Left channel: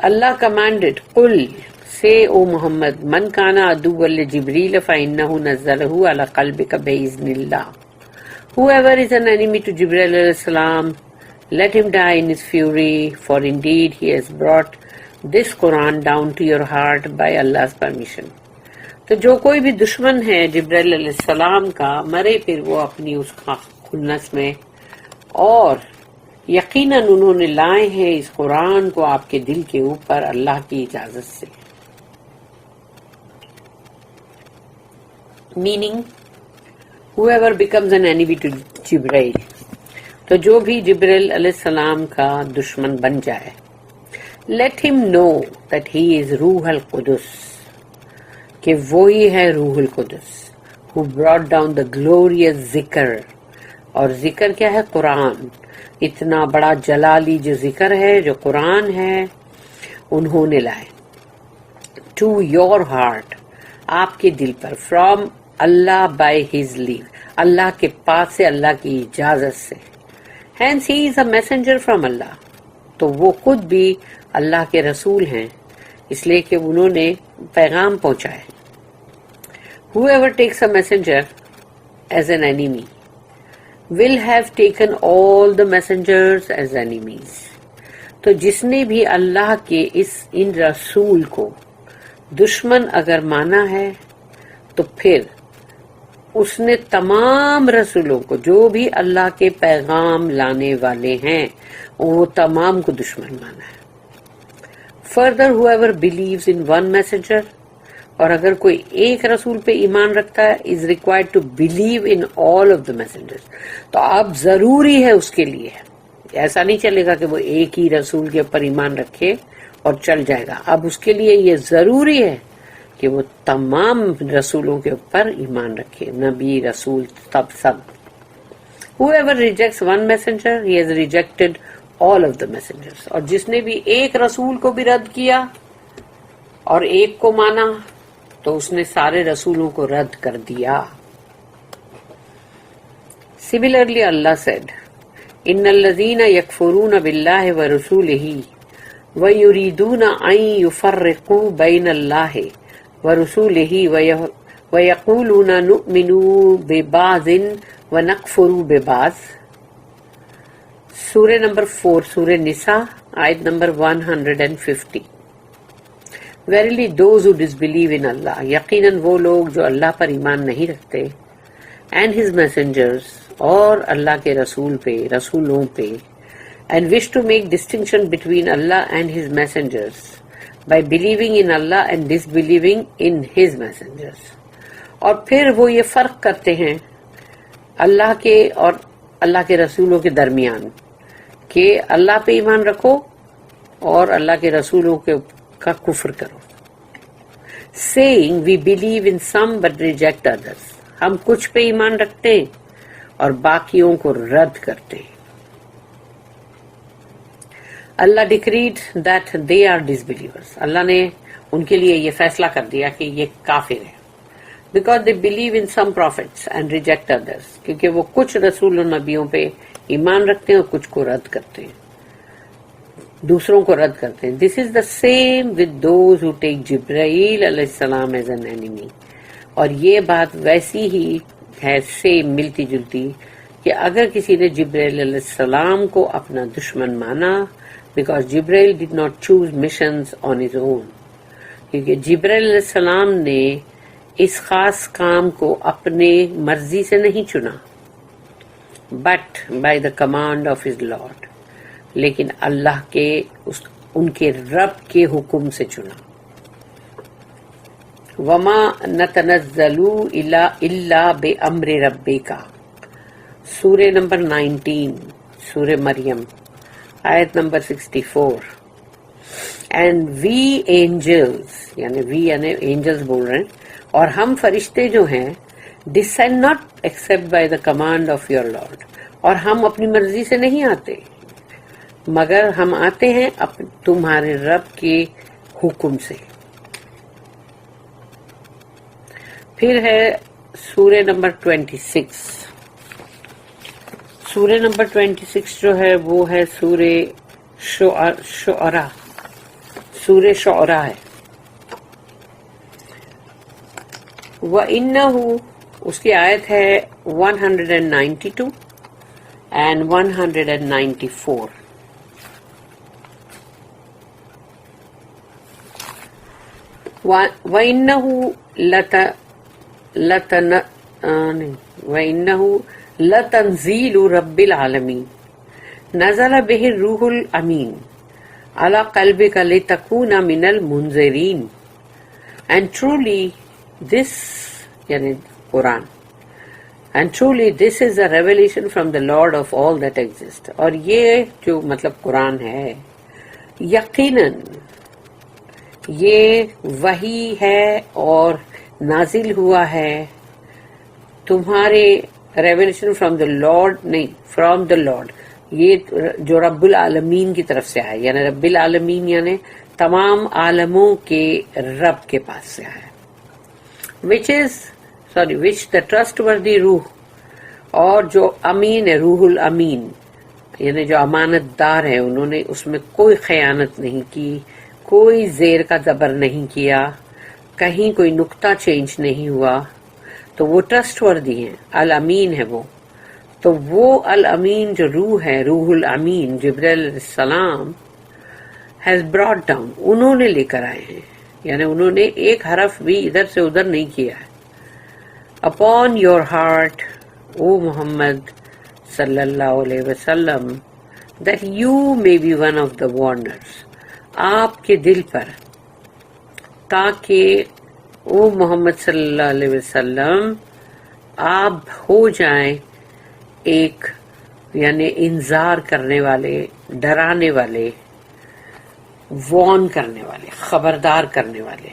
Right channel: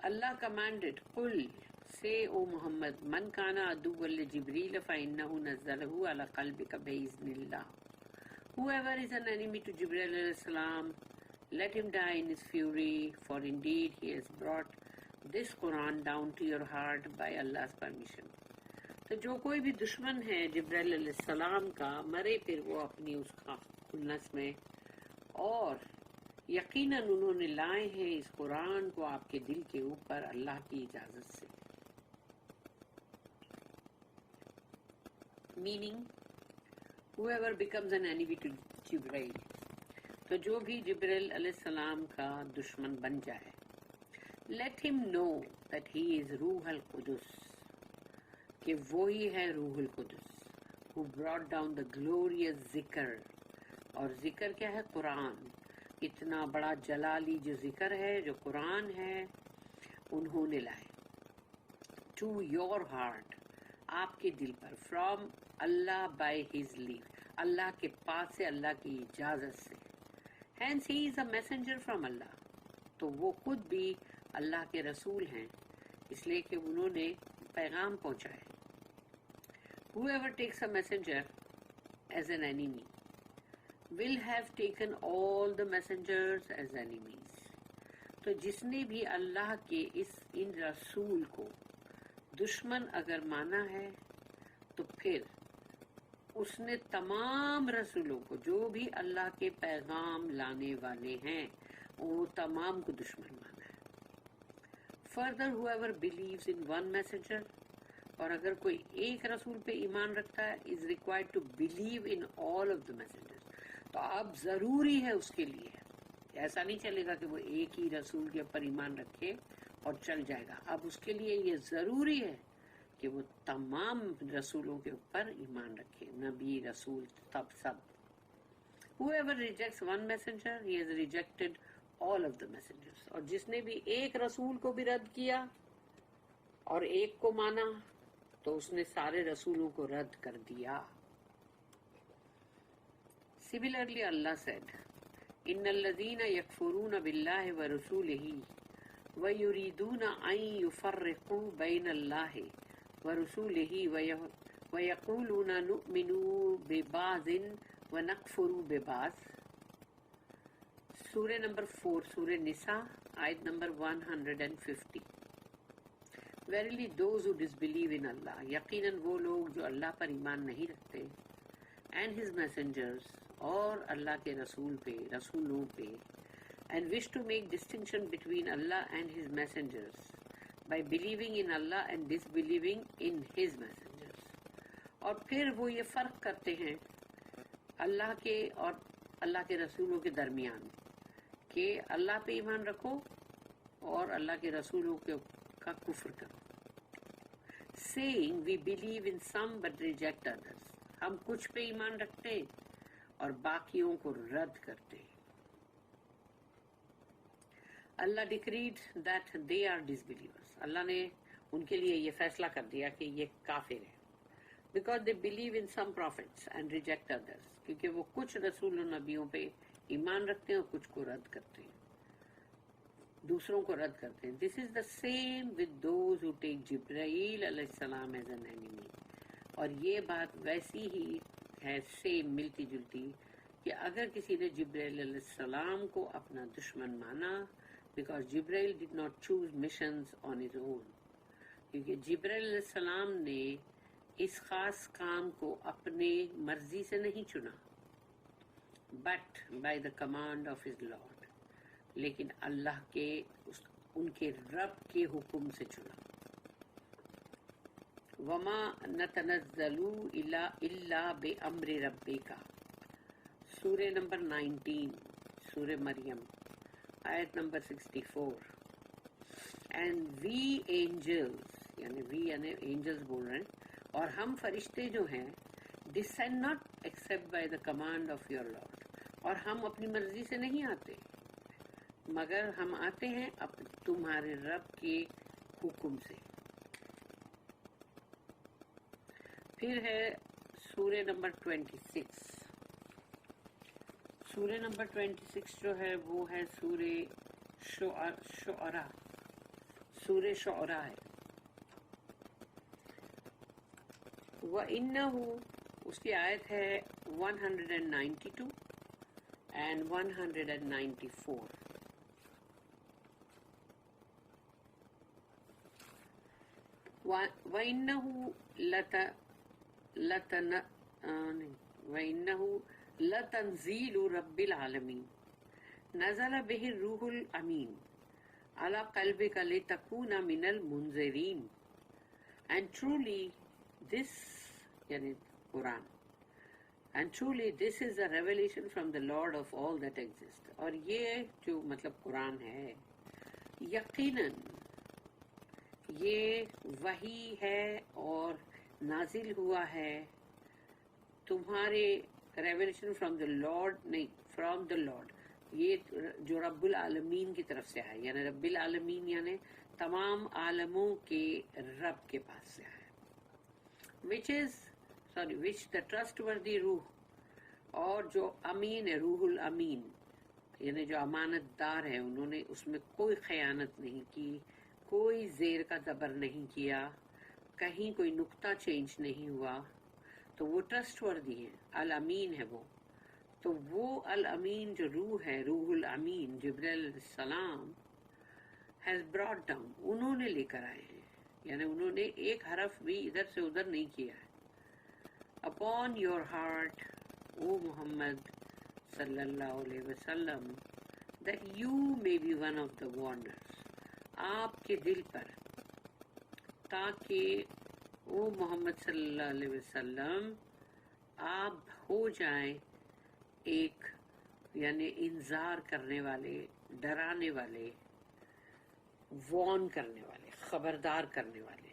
Allah commanded, Qul, say, O Muhammad, Man kana aduwwan li Jibreel fa innahu nazzalahu ala qalbika bi-iznillah. Whoever is an enemy to Jibreel alayhi salam, let him die in his fury, for indeed he has brought this Quran down to your heart by Allah's permission. تو جو کوئی بھی دشمن ہے جبرائیل علیہ السلام کا، مرے پھر وہ اپنی اس خنث میں، اور یقیناً انہوں نے لائے ہیں اس قرآن کو آپ کے دل کے اوپر اللہ کی اجازت سے. Meaning whoever becomes an enemy to جبرائیل، تو جو بھی جبرائیل علیہ السلام کا دشمن بن جائے، let him know that he is روح القدس، کہ وہی ہے روح القدس، who brought down the glorious ذکر. اور ذکر کیا ہے؟ قرآن. اتنا بڑا جلالی جو ذکر ہے، جو قرآن ہے، انہوں نے لائے. to your heart، آپ کے دل پر، from Allah by his leave، اللہ کے پاس سے، اللہ کی اجازت سے. hence he is a messenger from اللہ، تو وہ خود بھی اللہ کے رسول ہیں، اس لیے کہ انہوں نے پیغام پہنچائے. whoever takes a messenger as an enemy will have taken all the messengers as enemies. تو جس نے بھی اللہ کے ان رسول کو دشمن اگر مانا ہے، تو پھر اس نے تمام رسولوں کو، جو بھی اللہ کے پیغام لانے والے ہیں، وہ تمام کو دشمن مانا ہے. further whoever believes in one messenger، اور اگر کوئی ایک رسول پہ ایمان رکھتا ہے، is required to believe in all of the messengers. تو اب ضروری ہے اس کے لیے، ایسا نہیں چلے گا کہ وہ ایک ہی رسول کے اوپر ایمان رکھے اور چل جائے گا. اب اس کے لیے یہ ضروری ہے کہ وہ تمام رسولوں کے اوپر ایمان رکھے، نبی، رسول، سب. whoever rejects one messenger he has rejected all of the messengers. اور جس نے بھی ایک رسول کو بھی رد کیا اور ایک کو مانا، تو اس نے سارے رسولوں کو رد کر دیا. Similarly, Allah said, إِنَّ الَّذِينَ يَكْفُرُونَ بِاللَّهِ وَرُسُولِهِ وَيُرِيدُونَ أَن يُفَرِّقُوا بَيْنَ اللَّهِ وَرُسُولِهِ وَيَقُولُونَ نُؤْمِنُ بِبَعْضٍ وَنَكْفُرُ بِبَعْضٍ. سورہ نمبر 4، سورہ نساء، آیت number 150. Verily those who disbelieve in Allah، یقیناً وہ لوگ جو اللہ پر ایمان نہیں رکھتے، and his messengers، اور اللہ کے رسول پہ، رسولوں پہ، and wish to make distinction between Allah and his messengers by believing in Allah and disbelieving in his messengers. اور پھر وہ یہ فرق کرتے ہیں اللہ کے اور اللہ کے رسولوں کے درمیان، کہ اللہ پہ ایمان رکھو اور اللہ کے رسولوں کا کفر کرو. saying we believe in some but reject others، ہم کچھ پہ ایمان رکھتے ہیں اور باقیوں کو رد کرتے ہیں. اللہ decreed that they are disbelievers، اللہ نے ان کے لیے یہ فیصلہ کر دیا کہ یہ کافر ہے. because they believe in some prophets and reject others، کیونکہ وہ کچھ رسول و نبیوں پہ ایمان رکھتے ہیں اور کچھ کو رد کرتے ہیں، دوسروں کو رد کرتے ہیں. this is the same with those who take جبرائیل علیہ السلام as an enemy. اور یہ بات ویسی ہی ہے، سیم، ملتی جلتی، کہ اگر کسی نے جبرائیل علیہ السلام کو اپنا دشمن مانا، because Jibrail did not choose missions on his own، کیونکہ جبرائیل علیہ السلام نے اس خاص کام کو اپنے مرضی سے نہیں چنا، but by the command of his Lord، لیکن اللہ کے ان کے رب کے حکم سے چنا. وما نتنزل الا بامر ربک، سورہ نمبر 19، سورہ مریم، آیت نمبر 64. اینڈ وی اینجلز، یعنی وی یعنی اینجلز بول رہے ہیں، اور ہم فرشتے جو ہیں، descend not except by the command of your Lord، اور ہم اپنی مرضی سے نہیں آتے، مگر ہم آتے ہیں تمہارے رب کے حکم سے. پھر ہے سورہ نمبر 26. سورہ نمبر 26 جو ہے وہ ہے سورہ شعراء، سورہ شعراء ہے. وَإِنَّهُ اس کی آیت ہے 192 and 194. وَإِنَّهُ لَتَنزِيلُ رَبِّ الْعَالَمِينَ نَزَلَ بِهِ الرُّوحُ الْأَمِينُ عَلَى قَلْبِكَ لِتَكُونَ مِنَ الْمُنذِرِينَ. And truly this, yani Quran, and truly this is a revelation from the Lord of all that exist. اور یہ جو مطلب قرآن ہے یقیناً یہ وحی ہے اور نازل ہوا ہے تمہارے ریولیشن فرام دا لارڈ، نہیں فرام دا لارڈ، یہ جو رب العالمین کی طرف سے آئے، یعنی رب العالمین یعنی تمام عالموں کے رب کے پاس سے آئے، وچ دا ٹرسٹ وردی روح، اور جو امین ہے روح الامین یعنی جو امانت دار ہے، انہوں نے اس میں کوئی خیانت نہیں کی، کوئی زیر کا زبر نہیں کیا، کہیں کوئی نقطہ چینج نہیں ہوا، تو وہ ٹرسٹ وردی ہیں، الامین ہے وہ. تو وہ الامین جو روح ہے، روح الامین جبرائیل علیہ السلام ہیز براٹ ڈاؤن، انہوں نے لے کر آئے ہیں، یعنی انہوں نے ایک حرف بھی ادھر سے ادھر نہیں کیا ہے. Upon your heart O Muhammad صلی اللہ علیہ وسلم that you may be one of the warners, آپ کے دل پر، تاکہ او محمد صلی اللہ علیہ وسلم آپ ہو جائیں ایک یعنی انذار کرنے والے، ڈرانے والے، وارن کرنے والے، خبردار کرنے والے.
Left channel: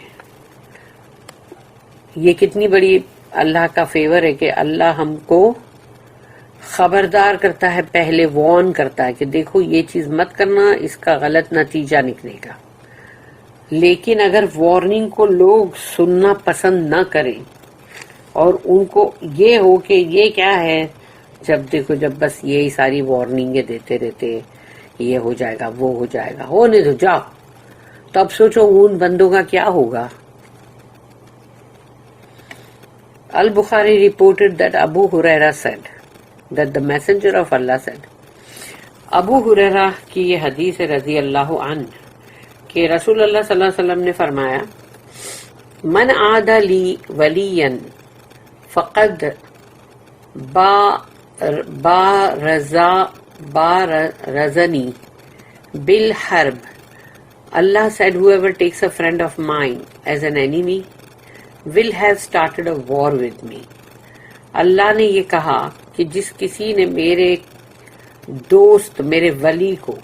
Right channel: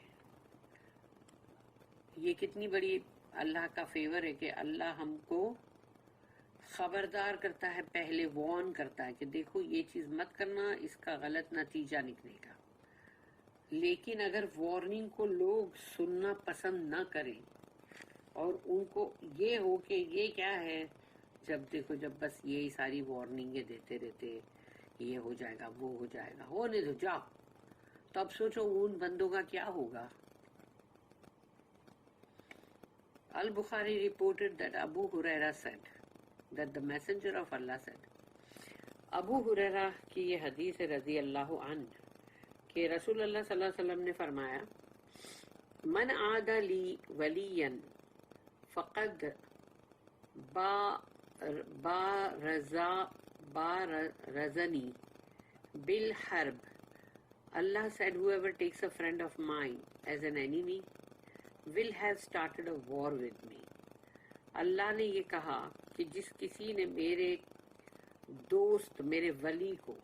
یہ کتنی بڑی اللہ کا فیور ہے کہ اللہ ہم کو خبردار کرتا ہے، پہلے وارن کرتا ہے کہ دیکھو یہ چیز مت کرنا، اس کا غلط نتیجہ نکلے گا. لیکن اگر وارننگ کو لوگ سننا پسند نہ کریں اور ان کو یہ ہو کہ یہ کیا ہے، جب دیکھو جب بس یہی ساری وارننگیں دیتے رہتے، یہ ہو جائے گا وہ ہو جائے گا، ہونے دو جاؤ، تو اب سوچو ان بندوں کا کیا ہوگا. Al-Bukhari reported that Abu Huraira said that the messenger of Allah said. ابو ہریرہ کی یہ حدیث ہے رضی اللہ عنہ کہ رسول اللہ صلی اللہ علیہ وسلم نے فرمایا، من عاد لی ولیا فقد بارزنی بالحرب. Allah said, whoever takes a friend of mine as an enemy will have started a war with me. اللہ نے یہ کہا کہ جس کسی نے میرے دوست، میرے ولی کو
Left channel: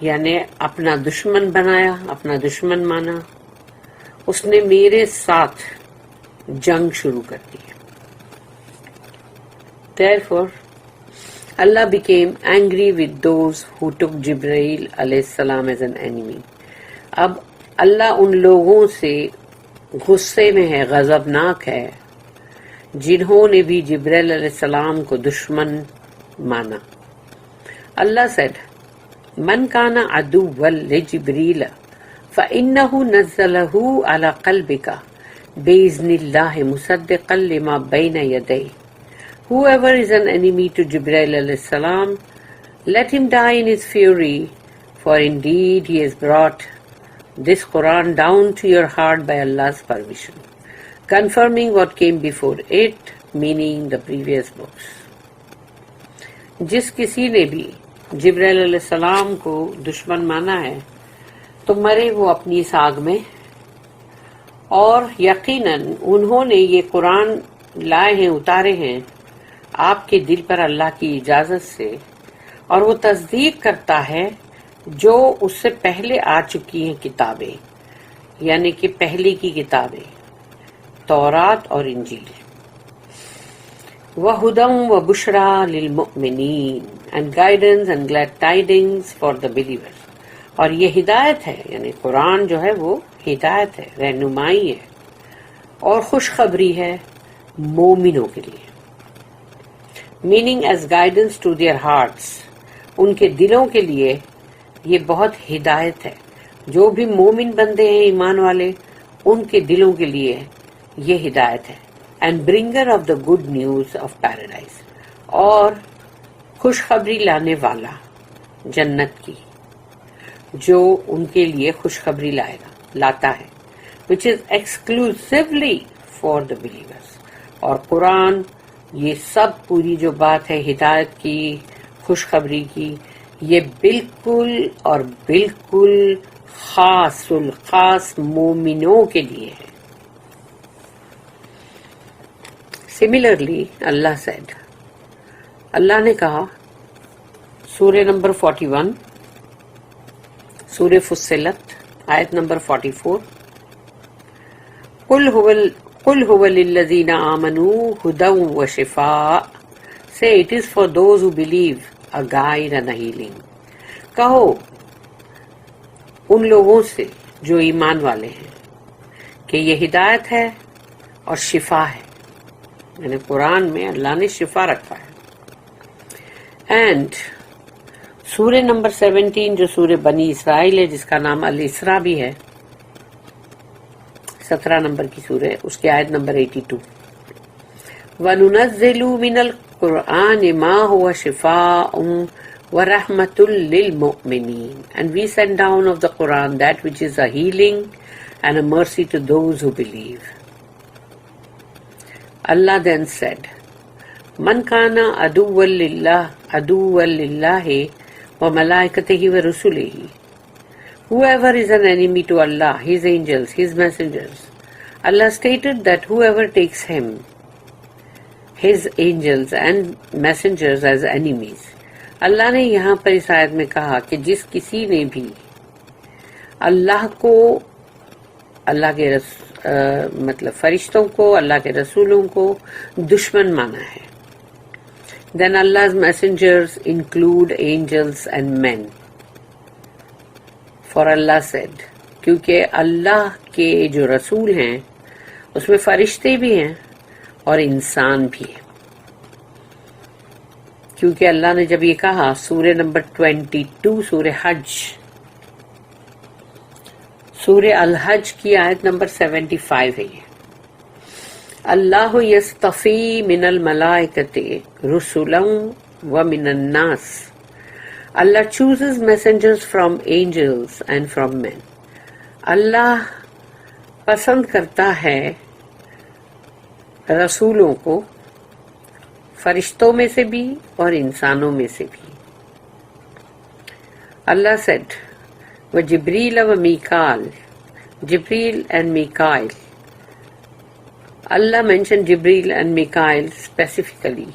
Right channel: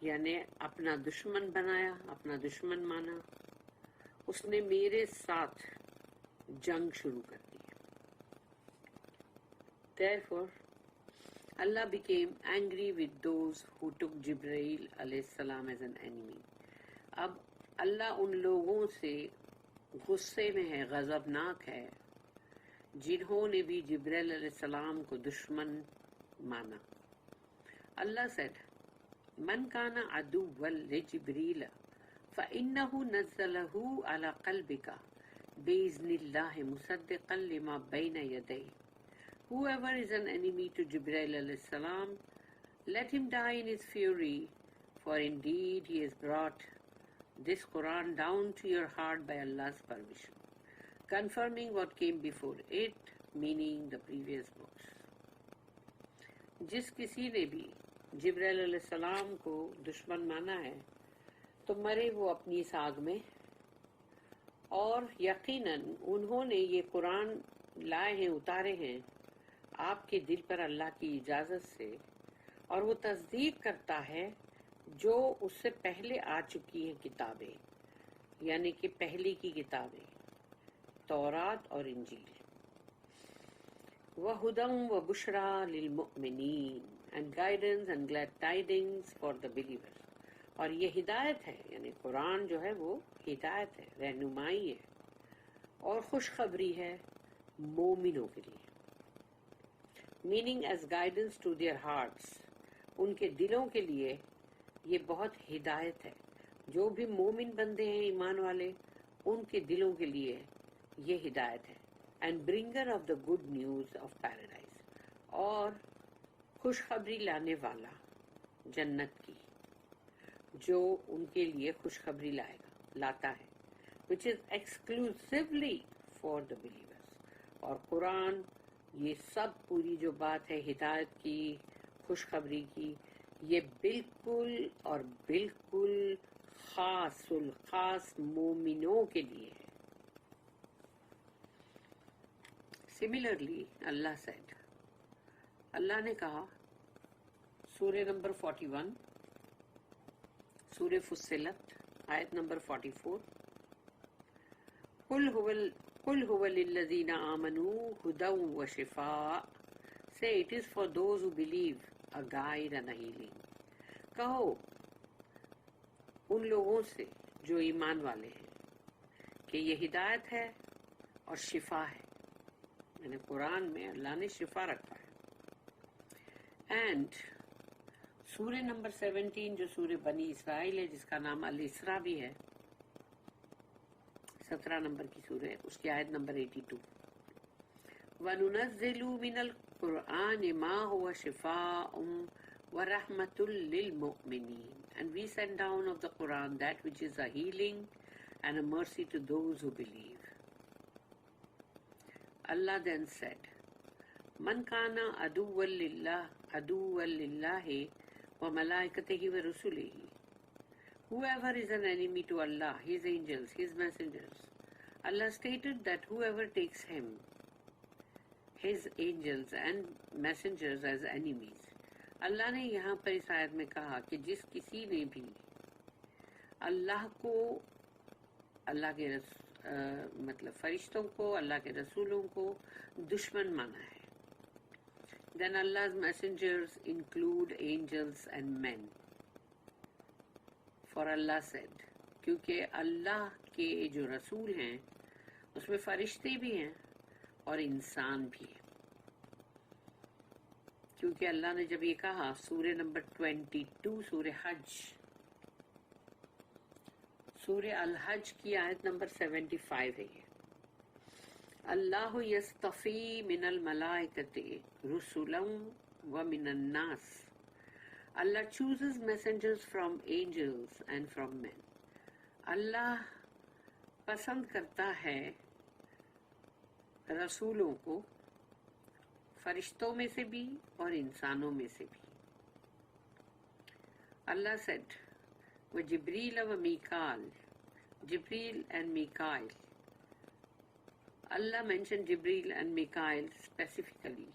یعنی اپنا دشمن بنایا، اپنا دشمن مانا، اس نے میرے ساتھ جنگ شروع کر دی. Therefore, Allah became angry with those who took Jibreel alayhi salam as an enemy. اب اللہ ان لوگوں سے غصے میں ہے، غضبناک ہے، جنہوں نے بھی جبریل علیہ السلام کو دشمن مانا. اللہ said, من كان عدوا لجبريل فإنه نزله على قلبك بإذن الله مصدقا لما بين يديه. Whoever is an enemy to Jibreel alayhi salam, let him die in his fury, for indeed he has brought this Quran down to your heart by Allah's permission, confirming what came before it, meaning the previous books. جس کسی نے بھی جبرائیل علیہ السلام کو دشمن مانا ہے تو مرے وہ اپنی ساگ میں، اور یقیناً انہوں نے یہ قرآن لائے ہیں، اتارے ہیں آپ کے دل پر اللہ کی اجازت سے، اور وہ تصدیق کرتا ہے جو اس سے پہلے آ چکی ہیں کتابیں، یعنی کہ پہلے کی کتابیں تورات اور انجیل. وَهُدًى وَبُشْرَى لِلْمُؤْمِنِينَ and guidance and glad tidings for the believers. اور یہ ہدایت ہے، یعنی قرآن جو ہے وہ ہدایت ہے، رہنمائی ہے اور خوشخبری ہے مومنوں کے لیے. meaning as guidance to their hearts، ان کے دلوں کے لیے یہ بہت ہدایت ہے، جو بھی مومن بندے ہیں ایمان والے ان کے دلوں کے لیے یہ ہدایت ہے. And bringer of the good news of paradise, اور خوشخبری لانے والا جنت کی جو ان کے لیے خوشخبری لاتا ہے، which is exclusively for the believers. اور قرآن یہ سب پوری جو بات ہے ہدایت کی، خوشخبری کی، یہ بالکل اور بالکل خاص الخاص مومنوں کے لیے ہے. Similarly, Allah said، اللہ نے کہا سورہ نمبر 41، سورہ فصلت آیت نمبر 44، قُلْ هُوَ لِلَّذِينَ آمَنُوا هُدًى وَشِفَاءً. Say it is for those who believe a guide and a healing. کہو ان لوگوں سے جو ایمان والے ہیں کہ یہ ہدایت ہے اور شفا ہے، یعنی قرآن میں اللہ نے شفا رکھا ہے. اینڈ سورہ نمبر 17 جو سورہ بنی اسرائیل ہے، جس کا نام الاسراء بھی ہے، 17 نمبر کی سورہ، اس کی آیت نمبر 82، وَنُنَزِّلُ مِنَ الْقُرْآنِ مَا هُوَ شِفَاءٌ وَرَحْمَةٌ لِّلْمُؤْمِنِينَ. And we send down of the Quran that which is a healing and a mercy to those who believe. Allah then said, مَنْ كَانَ عَدُوًّا لِلَّهِ وَمَلَائِكَتِهِ وَرُسُلِهِ. Whoever is an enemy to Allah, His angels, His messengers, Allah stated that whoever takes Him, His angels and messengers as enemies. اللہ نے یہاں پر اس آیت میں کہا کہ جس کسی نے بھی اللہ کو، اللہ کے مطلب فرشتوں کو، اللہ کے رسولوں کو دشمن مانا ہے. Then Allah's messengers include angels and men. For Allah said، کیونکہ اللہ کے جو رسول ہیں اس میں فرشتے بھی ہیں اور انسان بھی ہیں. کیونکہ اللہ نے جب یہ کہا سورہ نمبر 22 سورہ حج، سورہ الحج کی آیت نمبر 75 ہے یہ، اللہ یصطفی من الملائکۃ رسلا ومن الناس. Allah chooses messengers from angels and from men. اللہ پسند کرتا ہے رسولوں کو فرشتوں میں سے بھی اور انسانوں میں سے بھی. اللہ said وَجِبْرِيلَ وَمِيكَالَ. Jibreel and Mikael. Allah mentioned Jibreel and Mikael specifically.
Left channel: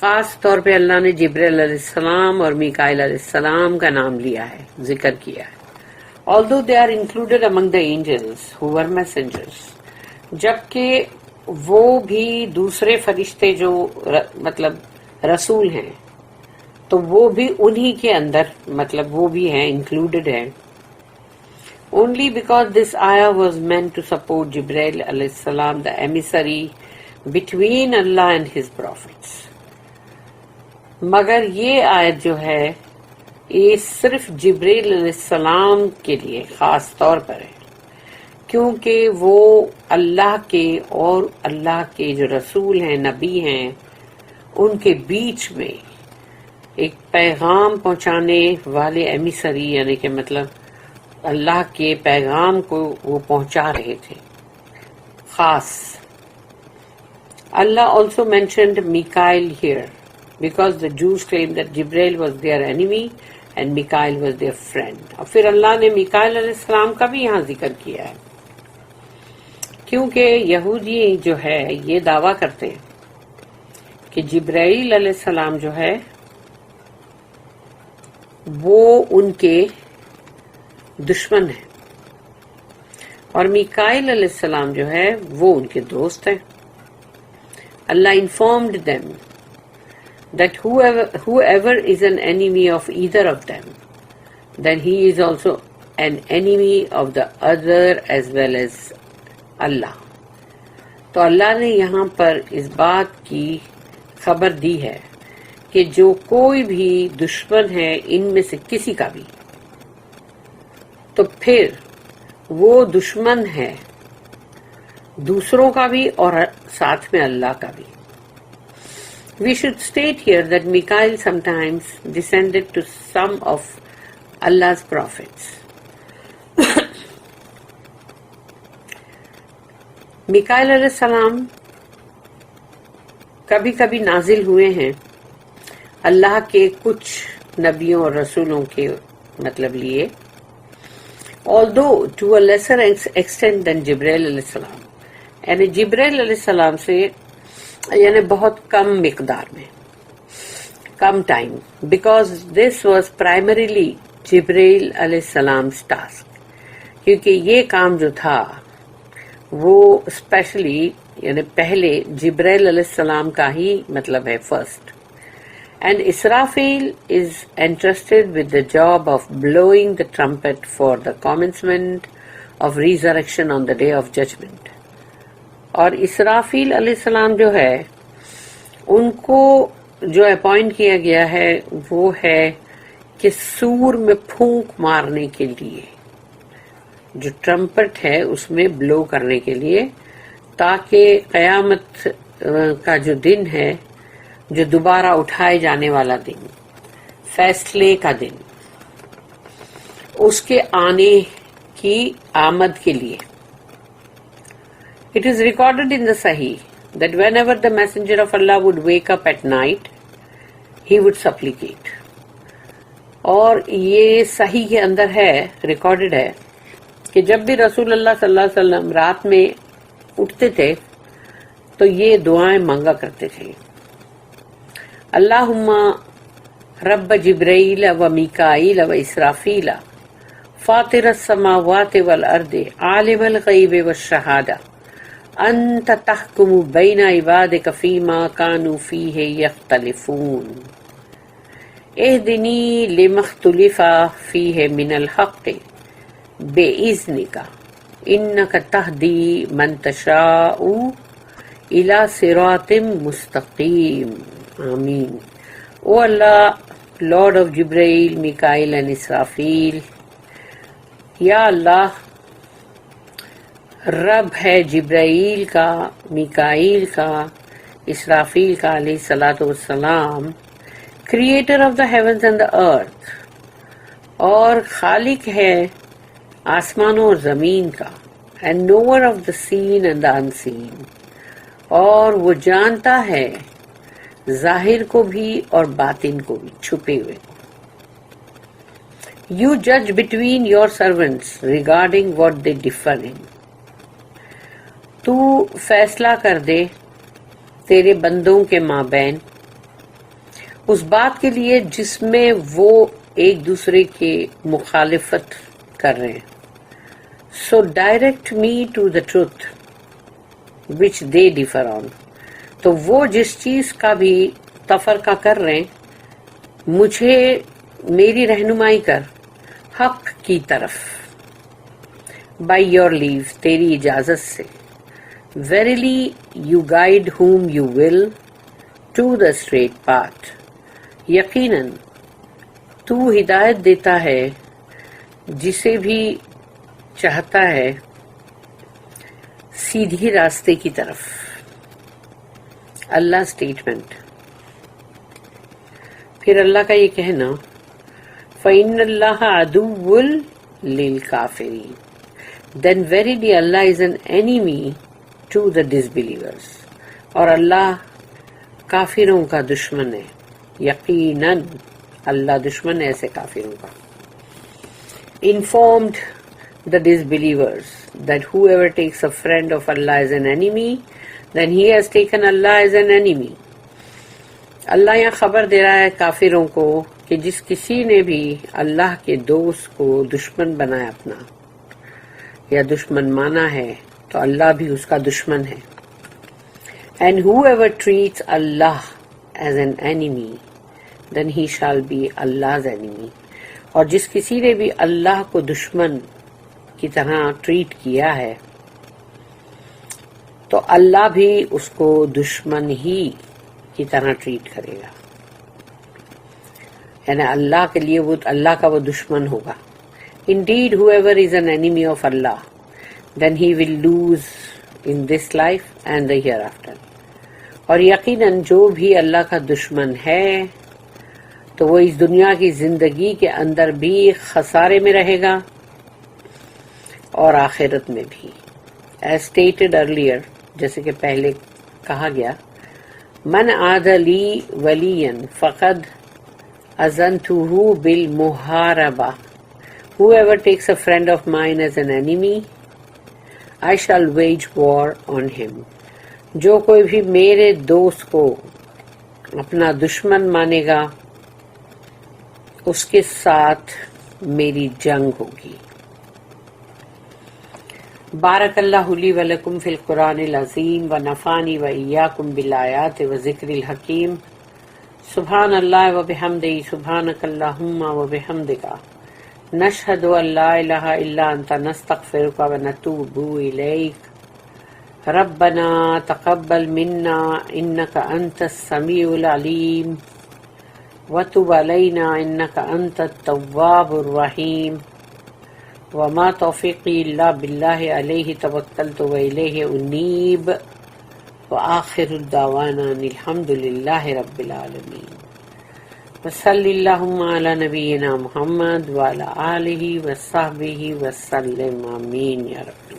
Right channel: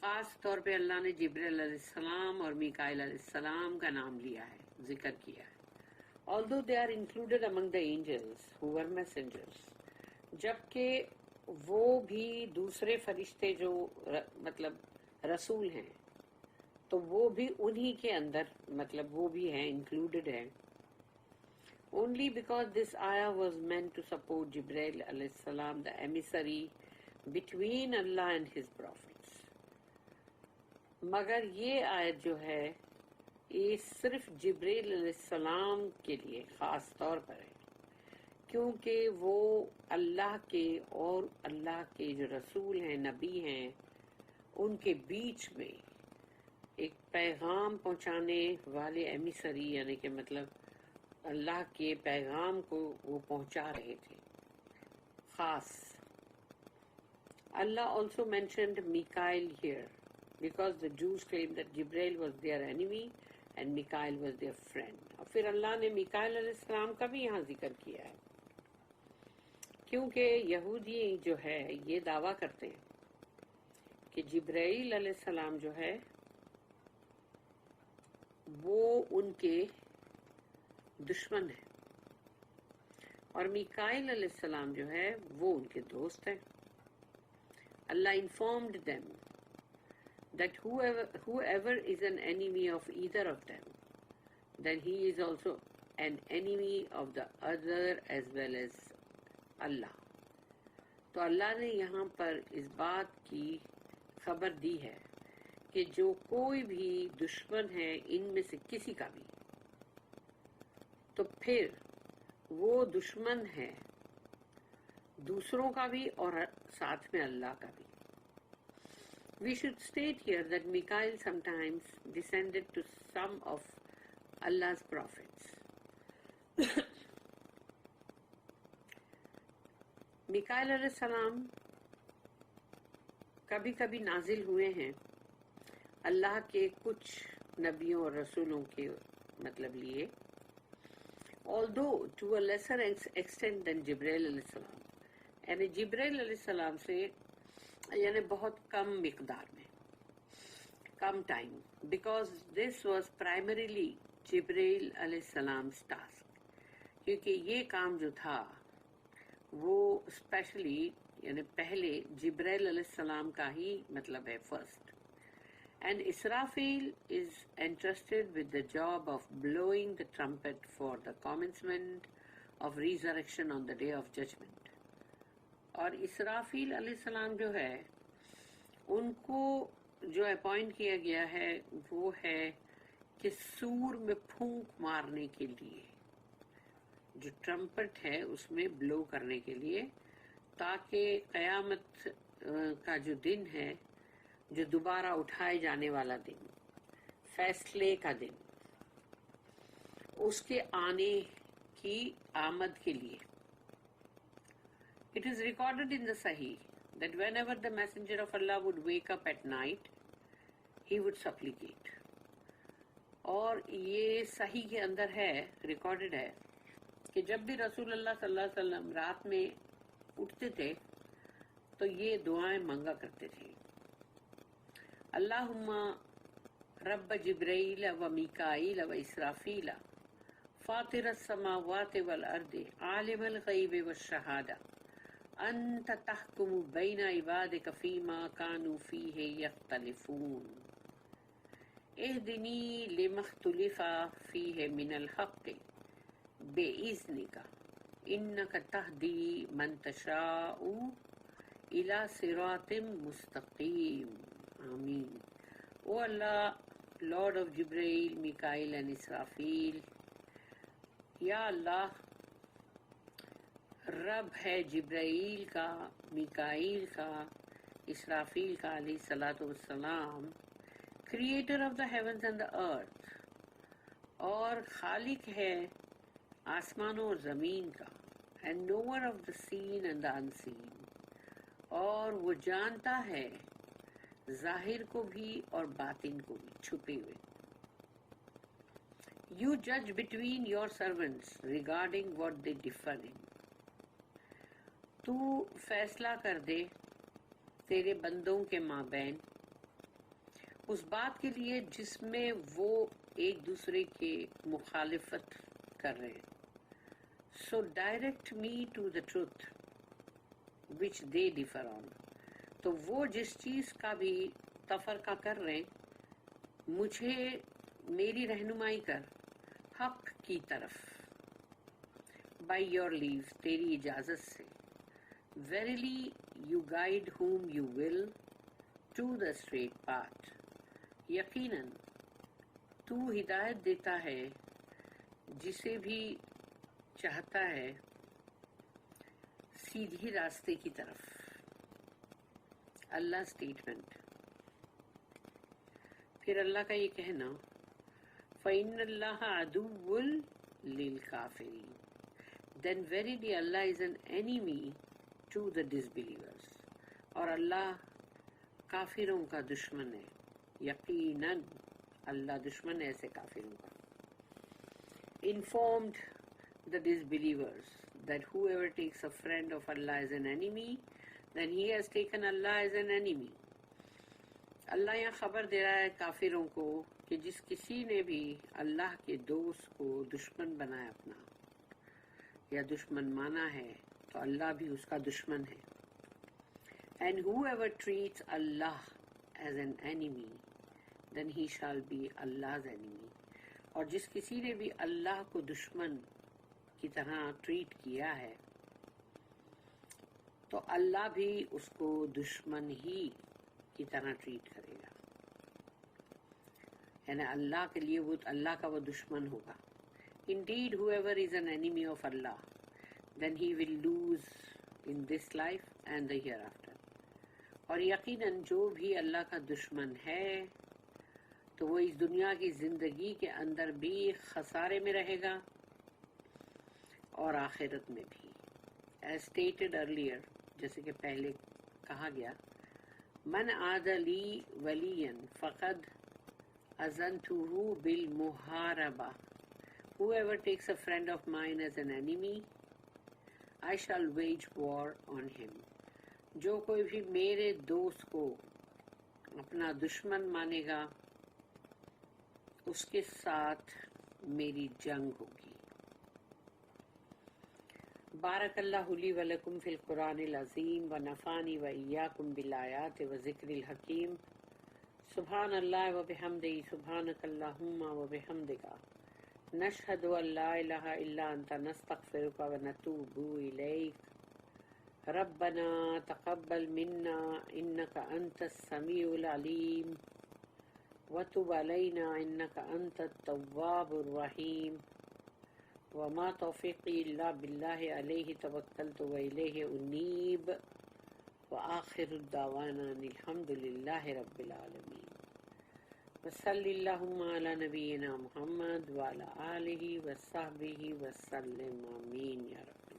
خاص طور پہ اللہ نے جبریل علیہ السلام اور میکائیل علیہ السلام کا نام لیا ہے، ذکر کیا ہے. Although they are included among the angels who were messengers. جبکہ وہ بھی دوسرے فرشتے جو مطلب رسول ہیں تو وہ بھی انہی کے اندر مطلب وہ بھی ہیں، انکلوڈڈ ہیں. Only because this ayah was meant to support Jibreel alayhi salam, the emissary between Allah and His prophets. مگر یہ آیت جو ہے یہ صرف جبریل علیہ السلام کے لیے خاص طور پر ہے، کیونکہ وہ اللہ کے اور اللہ کے جو رسول ہیں، نبی ہیں، ان کے بیچ میں ایک پیغام پہنچانے والے ایمیسری، یعنی کہ مطلب اللہ کے پیغام کو وہ پہنچا رہے تھے خاص. اللہ also mentioned Mikael here because the Jews claimed that Jibreel was their enemy and Mikael was their friend. اور پھر اللہ نے میکائیل علیہ السلام کا بھی یہاں ذکر کیا ہے، کیونکہ یہودی جو ہے یہ دعویٰ کرتے ہیں کہ جبرائیل علیہ السلام جو ہے وہ ان کے دشمن ہیں اور میکائیل علیہ السلام جو ہے وہ ان کے دوست ہیں. اللہ informed them that whoever is an enemy of either of them, then he is also an enemy of the other as well as Allah. تو اللہ نے یہاں پر اس بات کی خبر دی ہے کہ جو کوئی بھی دشمن ہے ان میں سے کسی کا بھی، تو پھر وہ دشمن ہے دوسروں کا بھی اور ساتھ میں اللہ کا بھی. We should state here that Mikael sometimes descended to some of Allah's prophets. Mikail علیہ السلام کبھی کبھی نازل ہوئے ہیں اللہ کے کچھ نبیوں اور رسولوں کے مطلب لیے, although to a lesser extent than جبرائیل علیہ السلام, یعنی جبرائیل علیہ السلام سے یعنی بہت کم مقدار میں, کم time, because this was primarily جبرائیل علیہ السلام ٹاسک, کیونکہ یہ کام جو تھا وہ اسپیشلی یعنی پہلے جبرائیل علیہ السلام کا ہی مطلب ہے first. And Israfil is entrusted with the job of blowing the trumpet for the commencement of resurrection on the day of judgment. اور اسرافیل علیہ السلام جو ہے ان کو جو اپوائنٹ کیا گیا ہے وہ ہے کہ سور میں پھونک مارنے کے لیے, جو ٹرمپٹ ہے اس میں بلو کرنے کے لیے, تاکہ قیامت کا جو دن ہے, جو دوبارہ اٹھائے جانے والا دن, فیصلے کا دن, اس کے آنے کی آمد کے لیے. It is recorded in the Sahih that whenever the messenger of Allah would wake up at night, he would supplicate. اور یہ صحیح کے اندر ہے, ریکارڈڈ ہے کہ جب بھی رسول اللہ صلی اللہ علیہ وسلم رات میں اٹھتے تھے تو یہ دعائیں مانگا کرتے تھے. اللہم رب جبرائیل و میکائیل و اسرافیل فاطر السماوات والارض عالم الغیب والشہادہ انت تحکم بین عبادک فیما کانوا فیہ یختلفون اہدنی لما اختلف فیہ من الحق بإذنک انک تہدی من تشاء الی صراط مستقیم. آمین. او اللہ, لارڈ آف جبرائیل, میکائیل اینڈ اسرافیل, یا اللہ رب ہے جبرائیل کا, میکائیل کا, اسرافیل کا علیہ الصلاۃ والسلام, creator of the heavens and the earth, اور خالق ہے آسمانوں اور زمین کا, and knower of the seen and the unseen, اور وہ جانتا ہے ظاہر کو بھی اور باطن کو بھی, چھپے ہوئے کو. You judge between your servants regarding what they differ in. تو فیصلہ کر دے تیرے بندوں کے مابین اس بات کے لیے جس میں وہ ایک دوسرے کے مخالفت کر رہے ہیں. So direct me to the truth which they differ on. تو وہ جس چیز کا بھی تفرقہ کر رہے ہیں مجھے میری رہنمائی کر حق کی طرف. By your leave, تیری اجازت سے. Verily you guide whom you will to the straight path. یقیناً تو ہدایت دیتا ہے جسے بھی چاہتا ہے سیدھی راستے کی طرف. اللہ اسٹیٹمنٹ. پھر اللہ کا یہ کہنا فَإِنَّ اللَّهَ عَدُوٌّ لِلْكَافِرِينَ, then verily Allah is an enemy to the disbelievers. اور اللہ کافروں کا دشمن ہے. یقیناً اللہ دشمن ہے ایسے کافروں کا. Informed the disbelievers that whoever takes a friend of Allah as an enemy, then he has taken Allah as an enemy. اللہ یہاں خبر دے رہا ہے کافروں کو کہ جس کسی نے بھی اللہ کے دوست کو دشمن بنایا اپنا یا دشمن مانا ہے تو اللہ بھی اس کا دشمن ہے. And whoever treats Allah as an enemy, then he shall be Allah's enemy. اور جس کسی نے بھی اللہ کو دشمن کی طرح ٹریٹ کیا ہے تو اللہ بھی اس کو دشمن ہی کی طرح ٹریٹ کرے گا. یعنی اللہ کے لیے وہ اللہ کا وہ دشمن ہوگا. Indeed, whoever is an enemy of Allah, then he will lose in this life and the hereafter. اور یقیناً جو بھی اللہ کا دشمن ہے تو وہ اس دنیا کی زندگی کے اندر بھی خسارے میں رہے گا اور آخرت میں بھی. As stated earlier, جیسے کہ پہلے کہا گیا، من عاد لی ولیا فقد اذنتہ بالمحاربہ. Whoever takes a friend of mine as an enemy, I shall wage war on him. جو کوئی بھی میرے دوست کو اپنا دشمن مانے گا اس کے ساتھ میری جنگ ہوگی. بارک اللہ لی ولکم فی القرآن العظیم ونفعنی وإیاکم بالآیات وذکر الحکیم. سبحان اللہ وبحمدہ سبحانک اللہم وبحمدک نشہد ان لا الہ الا انت نستغفرک ونتوب الیک. ربنا تقبل منا انک انت السمیع العلیم وتب علینا انک انت التواب الرحیم. وما توفیقی الا باللہ علیہ توکلت والیہ انیب. وآخر دعوانا الحمد للہ رب العالمین. وصلی اللہم علی نبینا محمد وعلی آلہ وصحبہ وسلم. آمین یا رب.